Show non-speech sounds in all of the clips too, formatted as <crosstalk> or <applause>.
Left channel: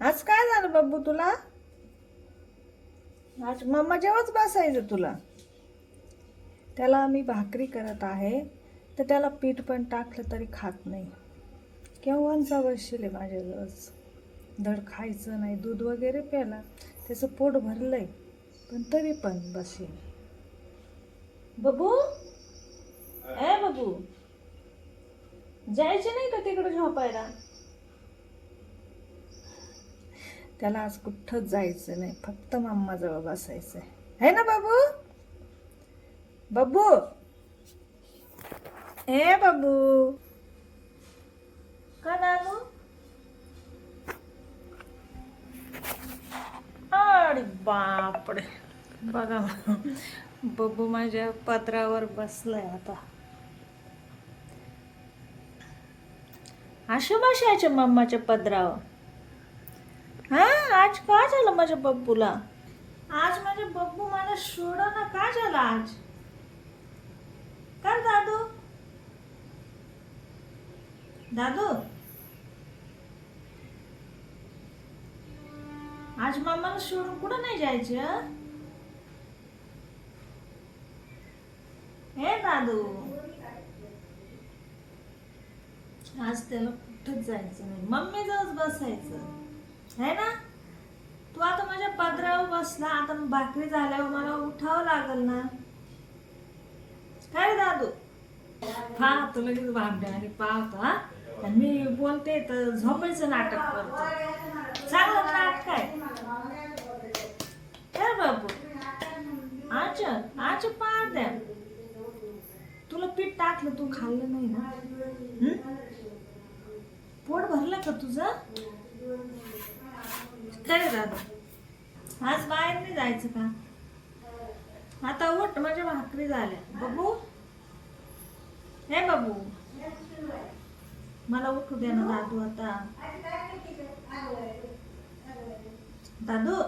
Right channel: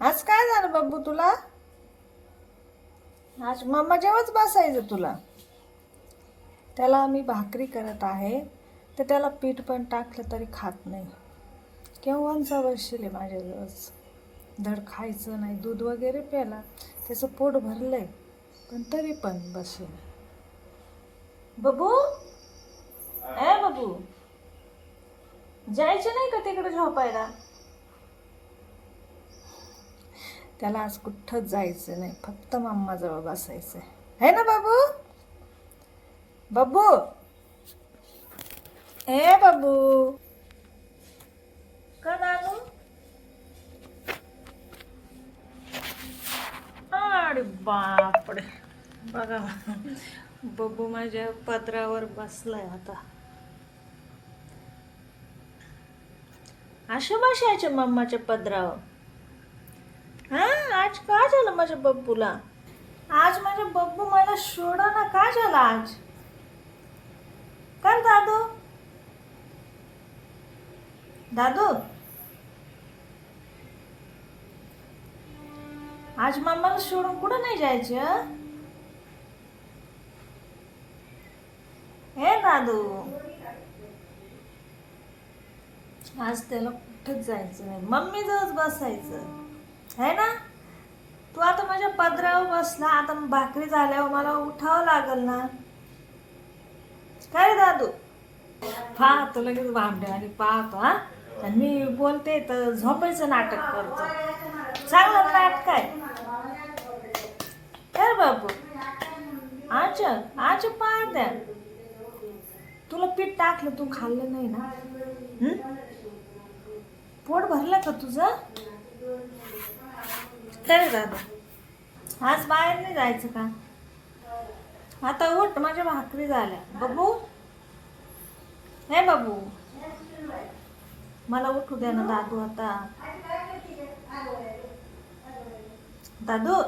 आज काय झालं बाबू तुला? आज मम्मा जेव्हाच बसायचं तुला. त्याला मी भाकरी करत आहे तर त्याला पीठ पण टाकलं तरी खात नाही. केव्हाचा बसले माझ्याजवळच धड खायचं नाही दूध वगैरे प्याला त्याचं पोट भरलं आहे पण तरी पण बसेल. बबू? ए बबू? जायचे नाही का तिकडे झोपायला? त्याला आज कुठंच जायचं नाही. फक्त मम्माजवळ बसायचं आहे ना बाबू? बाबू? ए बाबू? का नानू? अरे बापडे. बघा बबू. माझ्या पत्रावर बसलाय आता. अशा बसायच्या मम्माच्या पदरावर. हा? आज का झालं माझ्या बब्बूला? आज माझ्या बब्बू मला सोडा ना का झाला आज? कर दादू. दादू. आज मम्माला सोडून कुठं नाही जायचं? हे दादू. आज त्याला कुठंच जायचं नाही. मम्मी जवळ बसायचं. है ना? तू आता माझ्या पदरावर बसला आता भाकरी झाल्यावर मला उठावं लागल ना? काय रे दादू? हा तू लगेच भांडे आणि पाहतो हा? आणि मी बोलते तर झोपायचं नाटक करतो. चांगलं नाटक आहे. काय बाबू आज आज पाहत आहे. तुला पीठ टाकलं तू खाल्लं नाही ना? पोट भरलं का तुझं? काय दादा. आज बाहेर नाही जायचं का? आता उठ माझ्या भाकरी झाल्या. बघू हे बाबू. मला उठू द्या ना दादू आता. दादू?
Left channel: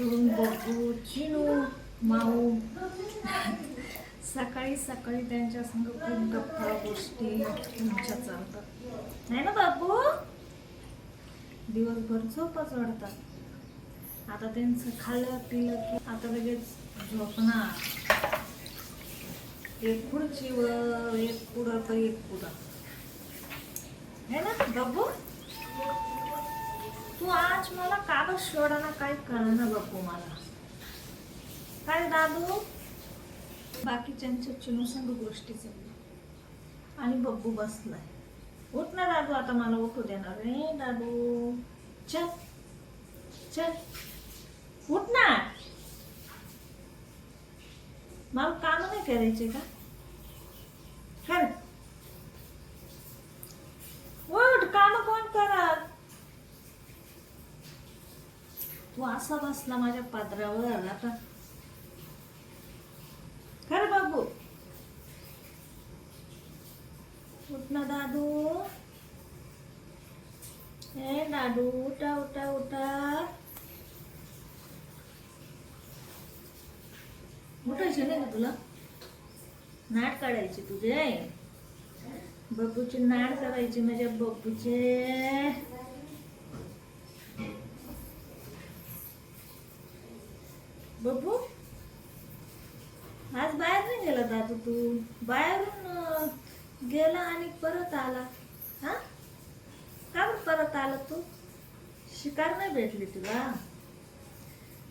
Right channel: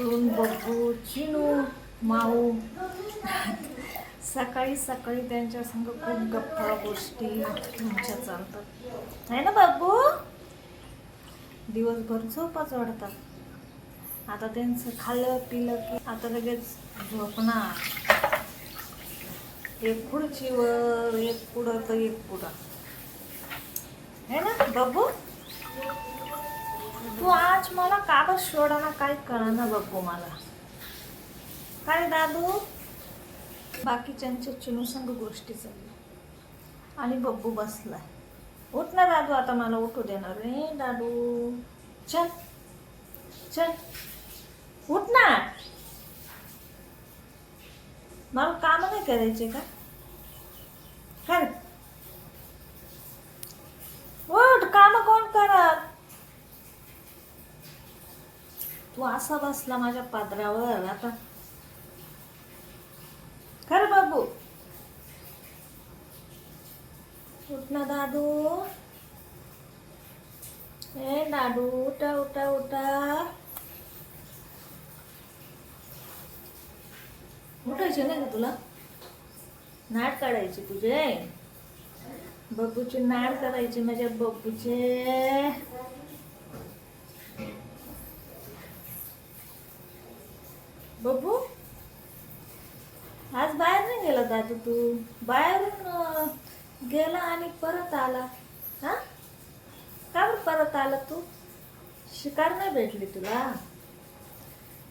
सकाळपासून बघू. चिनू माऊ. सकाळी सकाळी त्यांच्या संग खूप गप्पा गोष्टी तुमच्या चालतात. नाही ना बाबू? दिवसभर झोपच वाढतात. आता त्यांचं खाल्लं पिलं की आता लगेच झोपणार एक खुर्चीवर एक पुढं तर एक पुढं. है ना बाबू? तू आज मला का बस सोडाना काही कळाना बघू मला? काय दादू? बाकीच्यांच्या चुनुसंग गोष्टी चालल्या. आणि बब्बू बसलाय. उठ ना दादू आता मला उठू देणार. रे दादू. चल. चल. उठ ना. मला काम नाही करायचे का काय उठ काम कोण करत वासा असा बसला माझ्या पात्रावर आता. खरं बाबू? उठ ना दादू. ए दादू उठा उठा उठा. उठायचे ना तुला? नाट काढायचे तुझे? बब्बूची नाट करायची माझ्या बब्बूचे बबू? आज बाहेर नाही गेला दादू तू? बाहेरून गेला आणि परत आला. हा? का बरं परत आला तू? शिकार नाही भेटली तुला?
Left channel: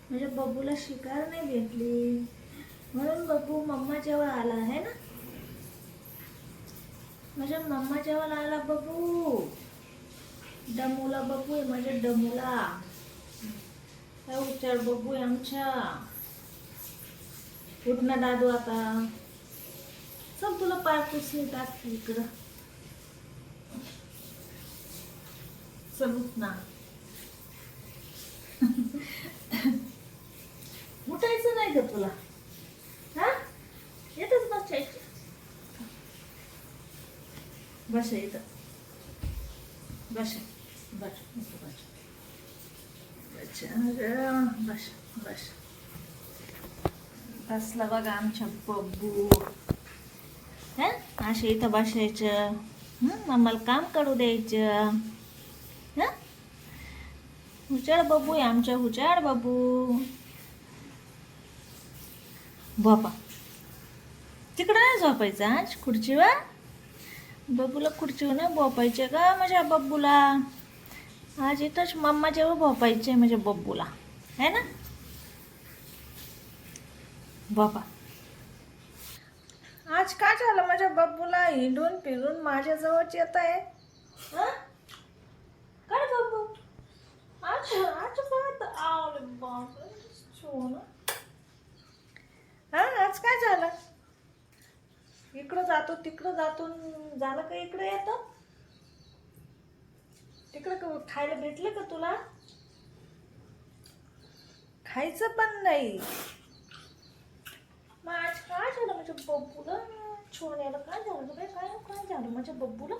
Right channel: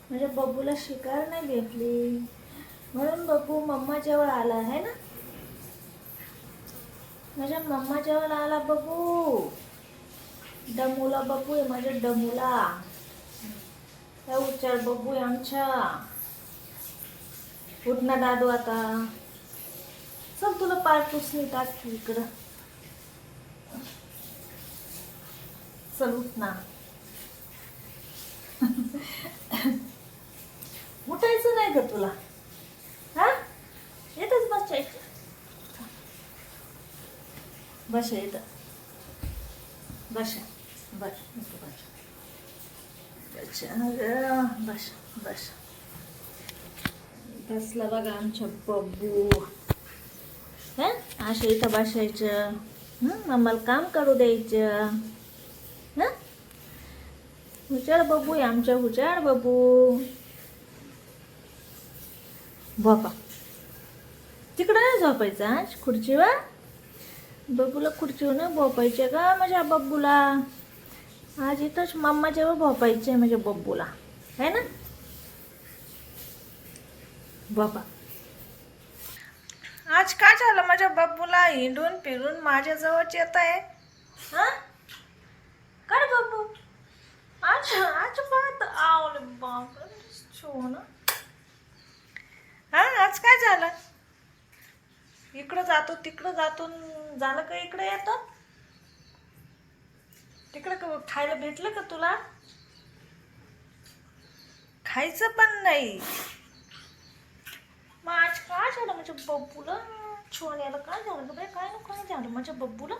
म्हणजे बब्बूला शिकार नाही भेटली. म्हणून बबू मम्मा जवळ आला आहे ना? माझ्या मम्मा जवळ आला बबू. डमूला बबू आहे माझ्या डमूला. उच्चार बघू आमच्या. उठ ना दादू आता. चल तुला पाय पुसली इकडं. चल उठ ना. <laughs> उठायचं नाही का तुला? हा? येतच बसायचं बस येत बस बस. बस. बस बस बसला बघा आमच्या बब्बू. हा? असे इथं बसायचं. हम्म आम्हाला काम करू द्यायचं. ना हुचाड बबू आहे आमच्या हुचाड बबू बापा तिकडं नाही झोपायचं आज खुर्चीवर? बबूला खुर्चीवर ना भोपायचे का? माझ्या बब्बूला? आज इथंच मम्माच्यावर भोपायचे माझ्या म्हणजे बब्बूला. है ना? बाबा. आज काय झालं? माझ्या बब्बूला हिंडून फिरून माझ्याजवळच येत आहे. हां? काय बाबू आज आज पाहत आवले बाप छो ना हा आज काय झालं? इकडं जातो तिकडं जातो झालं का इकडं येतं? तिकडं का खायला भेटलं का तुला? खायचं पण नाही. मग आज काय झालं माझ्या बब्बूला? छोण्याला काय झालं बाई? काय नको काय झालं माझ्या बब्बूला?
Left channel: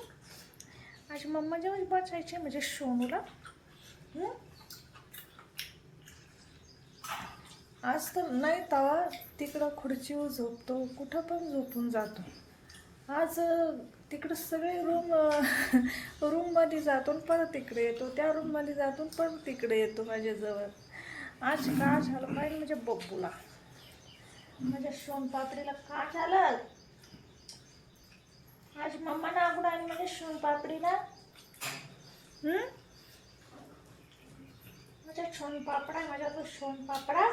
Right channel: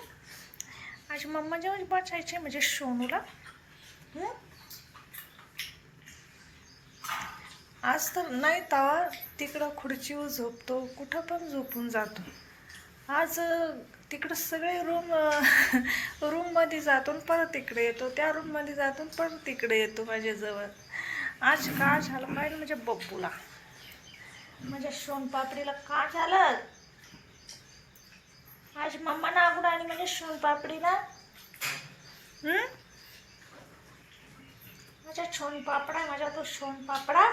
आज मम्मा जेव्हा बसायचे म्हणजे सोनूला. आज तर नाही तवा तिकडं खुर्चीवर झोपतो कुठं पण झोपून जातो. आज तिकडं सगळे रूम रूममध्ये <laughs> जातो परत तिकडे येतो. त्या रूममध्ये जातो परत तिकडे येतो माझ्याजवळ आज का झालं पाहिजे माझ्या बब्बूला. माझ्या सोनपापडीला का झालं? आज मम्मा नागूड आणि माझ्या सोनपापडीला माझ्या सोनपापडा माझ्या तो सोनपापडा